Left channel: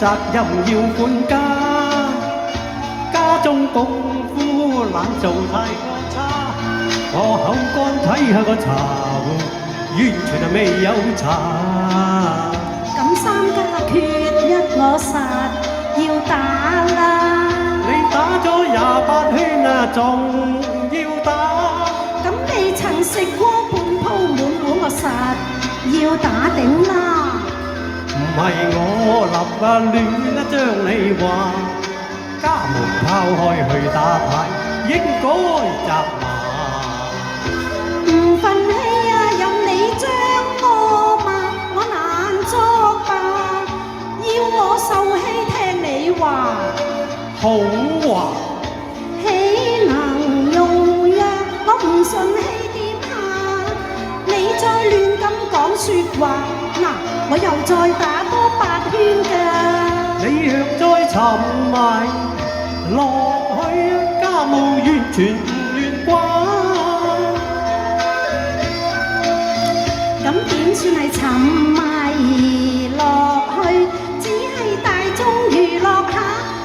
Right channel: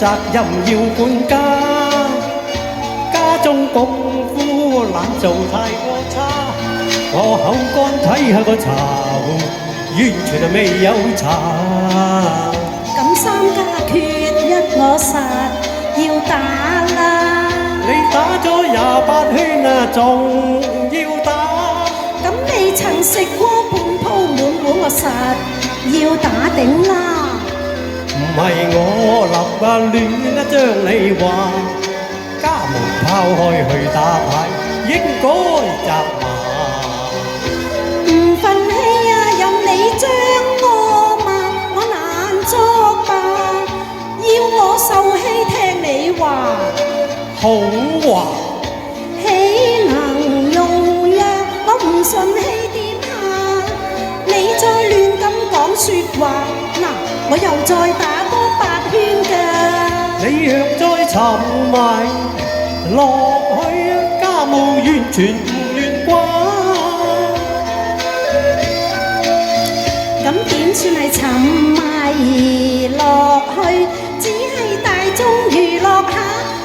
責任要管家，家中功夫懶做太過差。我口乾睇下個茶壺，完全係未有茶。咁三家缺一我實要打啦。你打咗28圈啊，仲要打？咁未曾食過半鋪滿碗，我實要打頂啦。唔係我立啊亂一將你話，家門拋開去打牌，應該責罵。唔忿氣啊，任你將我罵，我難作罷。要我受氣聽你話，好話豈能容讓我唔順氣點下？你再亂咁講説話，嗱，我又再打多8圈㗎。你若再沉埋落去，家務完全唔亂關。咁點算係沉迷落去？只係大眾娛樂下，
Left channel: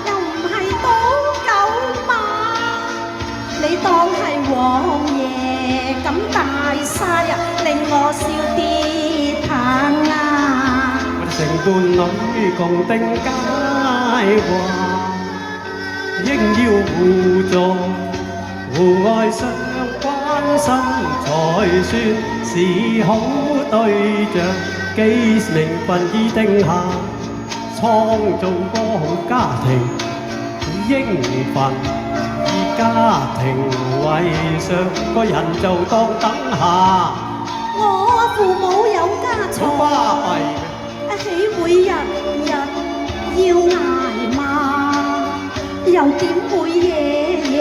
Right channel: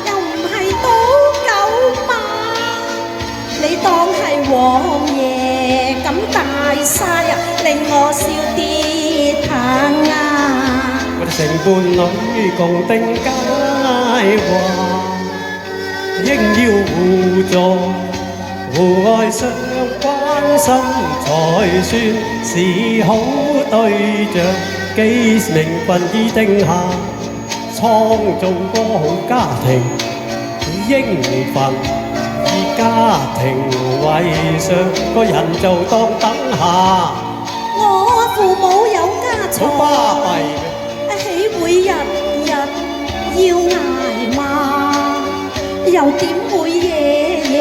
又唔係賭狗馬。你當係王爺咁大晒啊，令我笑跌棚啊！我哋成伴侶共定佳話，應要互助互愛相關心，才算是好對象。幾名份已定下，創造個好家庭，應份以家庭為上，個人就當等下。我父母有家好巴財，閉。豈會日日要捱罵？又點會夜夜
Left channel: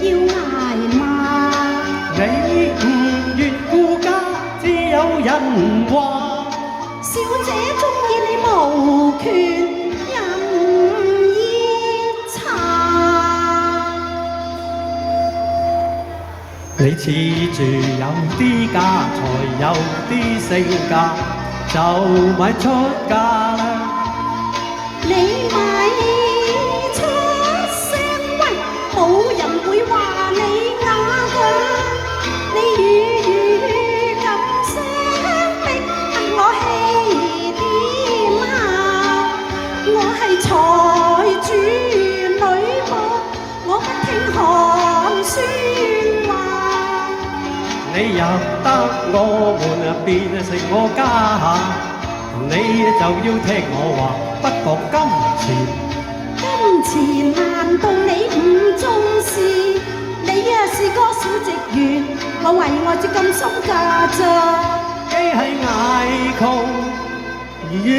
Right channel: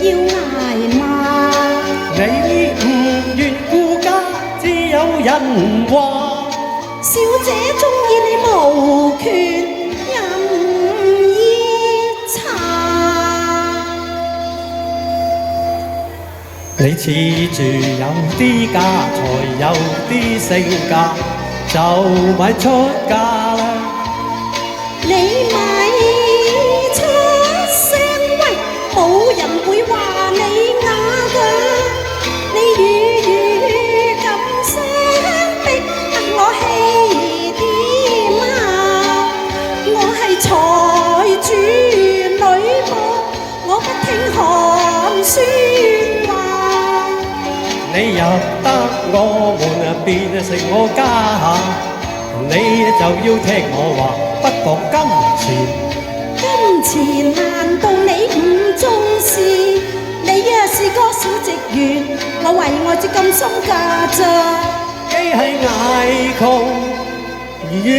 要捱罵？你唔願顧家，只有人話。小姐鍾意你無權任意查。你恃住有啲家財，有啲性格，就咪出嫁啦。你咪出聲喂，冇人會話你啞㗎。你語咁相逼，問我氣點啊？我係財主女僕，我不聽寒酸話。你入得我門啊，變成我家下，你就要聽我話，不講金錢。金錢難道你唔重視？你呀是個小職員，我為愛至咁心嫁咋。既係捱窮，願